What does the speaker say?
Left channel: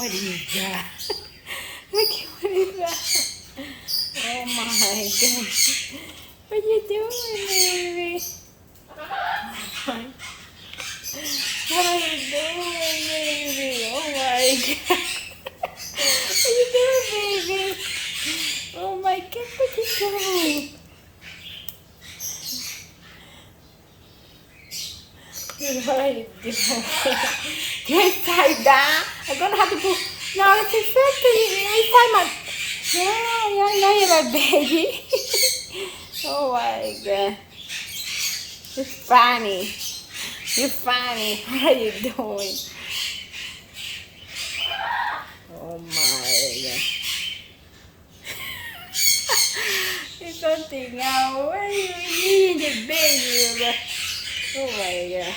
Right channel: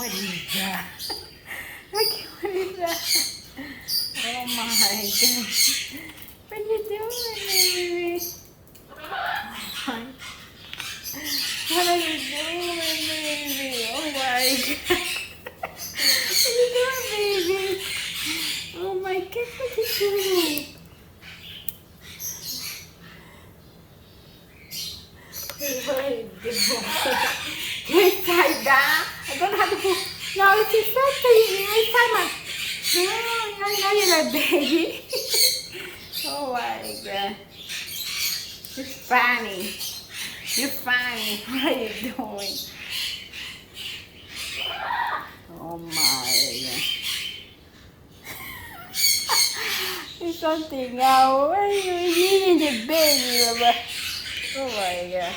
what is that? Look, what is that? Oh my gosh. What are you doing, baby? Oh, what are you doing, baby? Oh my god. What are you doing, baby? Oh my god, what are you doing? What are you doing? Yes, I I'm gonna have to put. Yeah, it's exactly. It's time. Yeah, I know you're a baby. Oh my god. It's funny. You're funny. What are you doing? Oh my god. It's something else. What are you eating the baby? Oh my god.